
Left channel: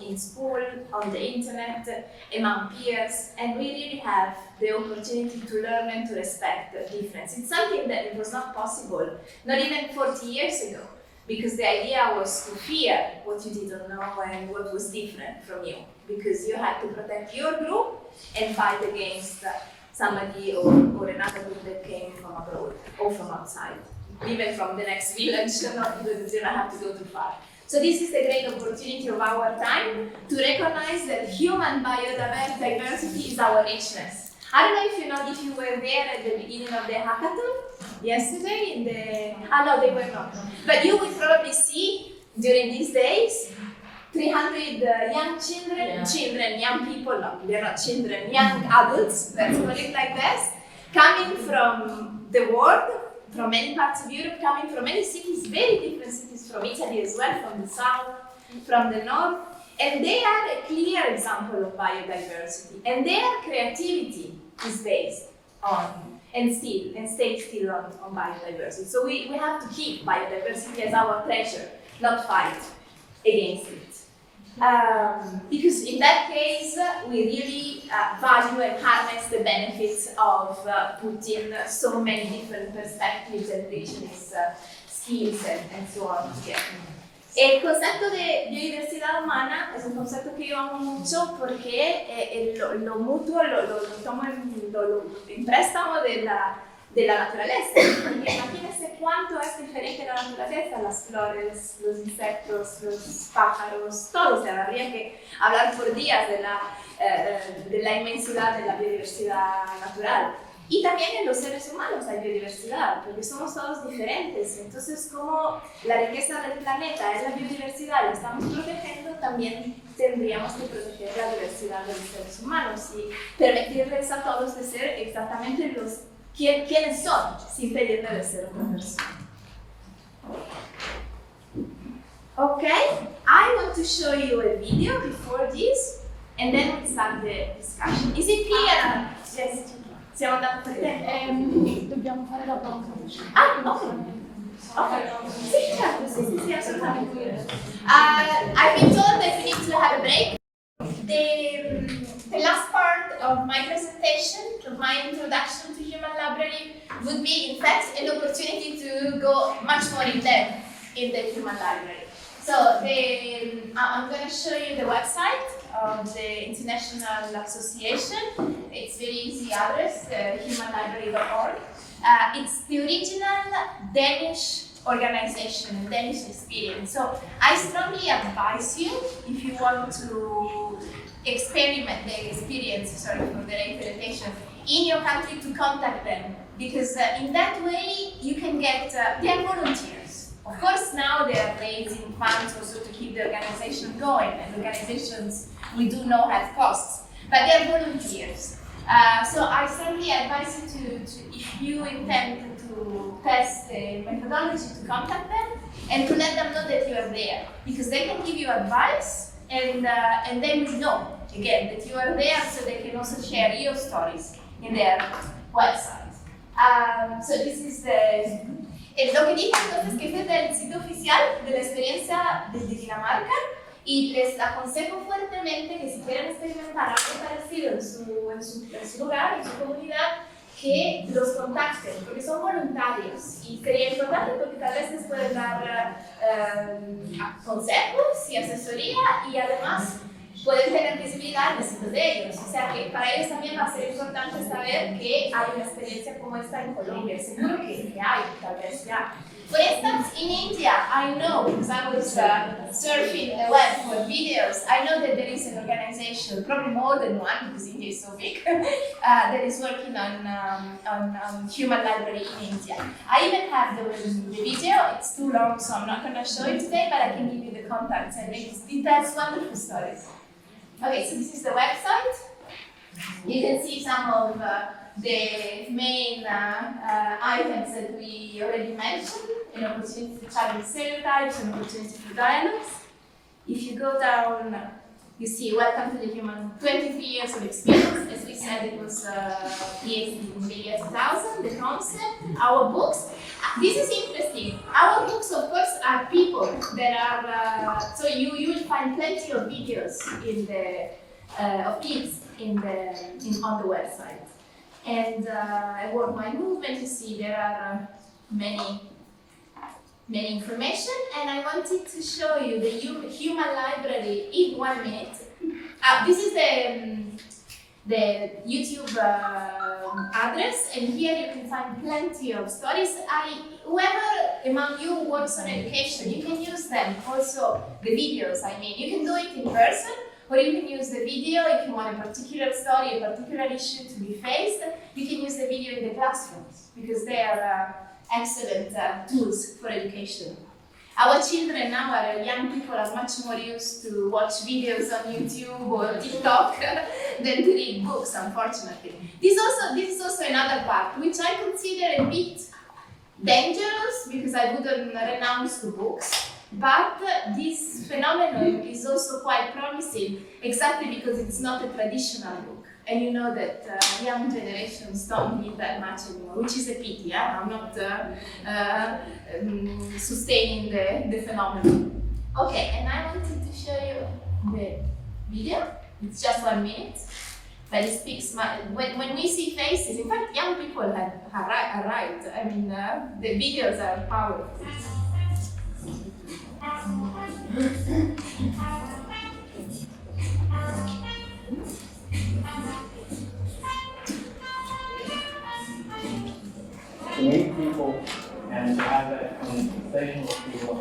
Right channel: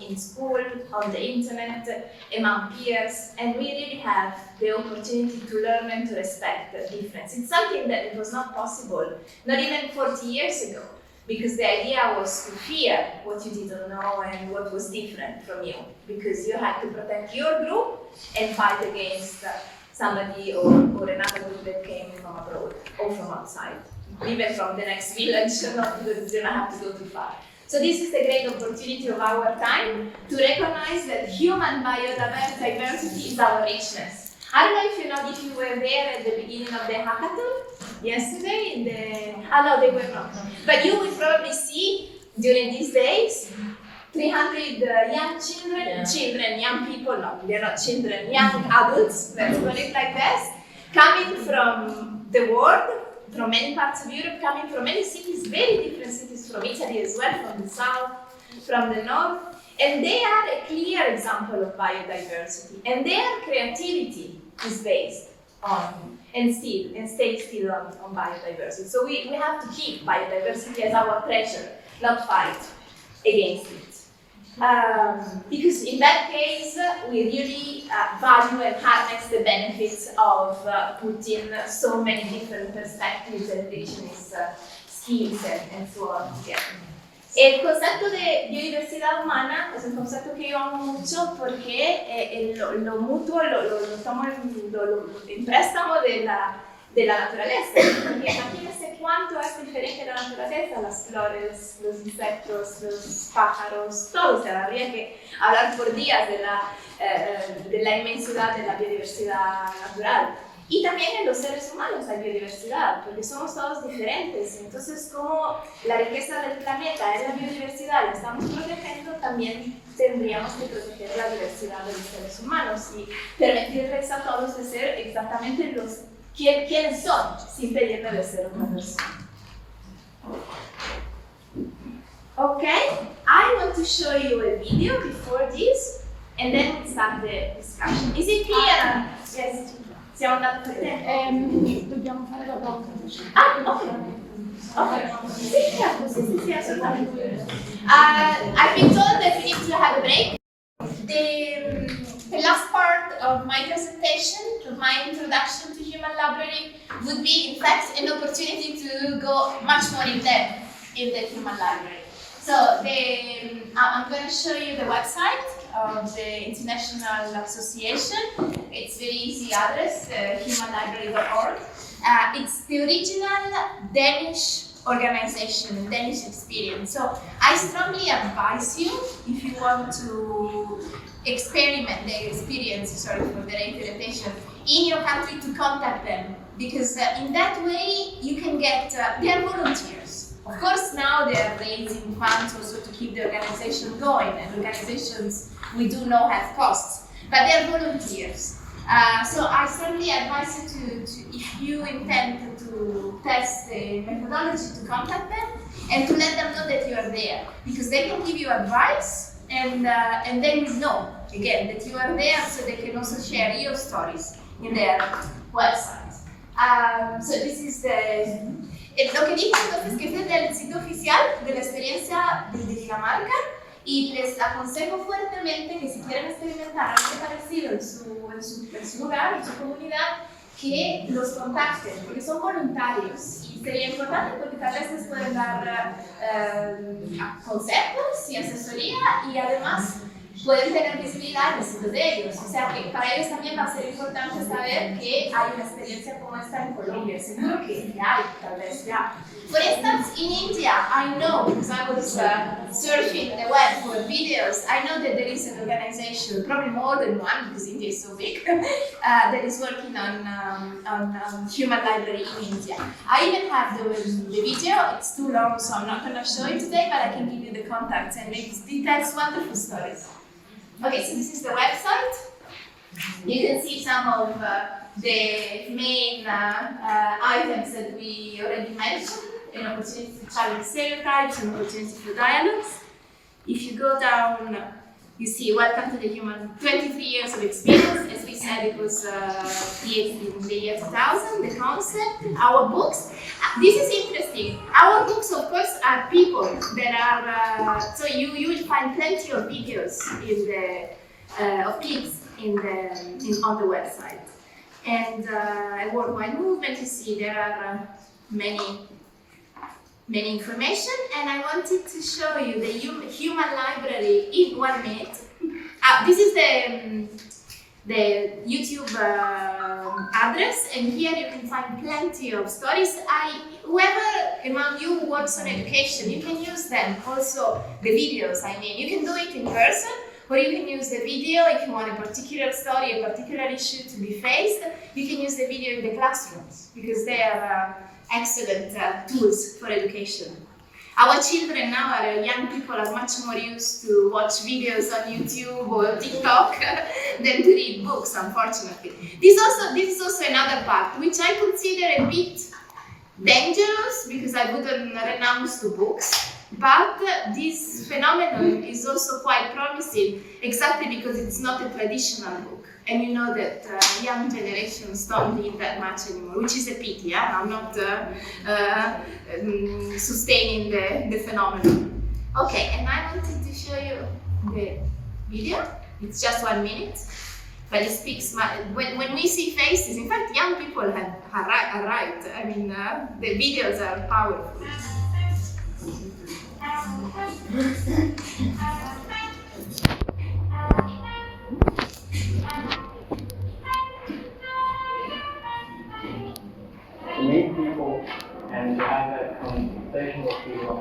in school, on the internet, among peers, and we really have the opportunity to learn and to respect the difference. It's something that it was not possible, not even 40 years ago. Because the idea was to fear what you didn't know and what was different from you. Because you had to protect your group and fight against somebody or another group that came from abroad or from outside. Even from the next village, you don't have to go too far. So this is the great opportunity of our time to recognize that human biodiversity is our richness. I don't know if you were there at the beginning of the hackathon yesterday. No, they were not. But you will probably see during these days 300 young children, young people, no, they're not children, young adults, let's call it like this, coming from the world, from many parts of Europe, coming from many cities, very different cities, from Italy as well, from the south, from the north. And they are a clear example of biodiversity, and their creativity is based on and stays still on biodiversity. So we have to keep biodiversity as our treasure, not fight against it. Because in that case, we really value and harness the benefits of putting so many different perspectives and richness, skills, and so on together. El concepto de biodiversidad humana es un concepto que yo amo mucho porque lo mutuo lo tomo en préstamo de la naturaleza. Porque imagínense cuánto es diferente la naturaleza, las flores, los insectos, los pájaros, todo. O sea, habría que hablar por días de la inmensidad de la biodiversidad natural. Y también en los seres humanos hay biodiversidad, porque somos todos diferentes. Entonces, como la riqueza del planeta es la biodiversidad y la estamos protegiendo, también tendríamos que proteger la diversidad de los seres humanos y permitirles a todos de ser exactamente quienes son, sin pedirle de ser una persona. Okay, I want to show you a video before this, and then we start the discussion. Is it clear? Yes. Siamo andati per tempo? Dobbiamo fare la blocca. Ah, ok. Ok. Sì, certo, sì, assolutamente. I've been told that we need to have a break. The last part of my presentation, of my introduction to Human Library, would be, in fact, an opportunity to go much more in depth in the Human Library. So I'm going to show you the website of the International Association. It's very easy address, humanlibrary.org. It's the original Danish organization, Danish experience. So I strongly advise you, if you want to experiment the experience, sorry for the interpretation, in your country, to contact them, because in that way you can get, they're volunteers. Of course, now they are raising funds also to keep the organization going, and organizations we do know have costs, but they're volunteers. So I strongly advise you to, if you intend to test the methodology, to contact them and to let them know that you are there, because they can give you advice, and then you know again that you are there, so they can also share your stories in their website. So this is lo que dijo entonces que es del sitio oficial de la experiencia de Dinamarca, y les aconsejo fuertemente que si quieren experimentar algo parecido en su lugar, en su comunidad, que los contacten, porque son voluntarios y sería importante porque tal vez les pueden dar consejos y asesoría, y además pueden tener visibilidad de ellos. O sea que para ellos también va a ser importante saber que hay una experiencia como esta en Colombia. Seguro que hay, tal vez ya. For instance, in India, I know, because I was surfing the web for videos, I know that there is an organization, probably more than one because India is so big, that is working on human library in India. I even have the video. It's too long, so I'm not going to show you today, but I can give you the contacts, and it tells wonderful stories. Okay, so this is the website. You can see some of the main items that we already mentioned: an opportunity to challenge stereotypes, an opportunity for dialogues. If you go down, you see welcome to the human, 23 years of experience. As we said, it was created in the year 2000, the concept, our books. This is interesting. Our books, of course, are people that are, so you will find plenty of videos in of clips on the website. And a worldwide movement, you see there are many information, and I wanted to show you the human library in 1 minute. This is the YouTube address, and here you can find plenty of stories. Whoever among you works on education, you can use them. Also the videos, I mean, you can do it in person, or you can use the video if you want a particular story, a particular issue to be faced. You can use the video in the classrooms, because they are excellent tools for education. Our children now, our young people, are much more used to watch videos on YouTube or TikTok than to read books, unfortunately. This is also another part, which I consider a bit dangerous, because I wouldn't renounce to books. But this phenomenon is also quite promising, exactly because it's not a traditional book. And you know that young generations don't read that much anymore, which is a pity. I'm not sustaining the phenomenon. Okay, and I wanted to show you the video. It's just 1 minute, but it speaks. When we see faces, in fact, young people are right. I mean, the videos are powerful. To meet people and to have that conversation with people.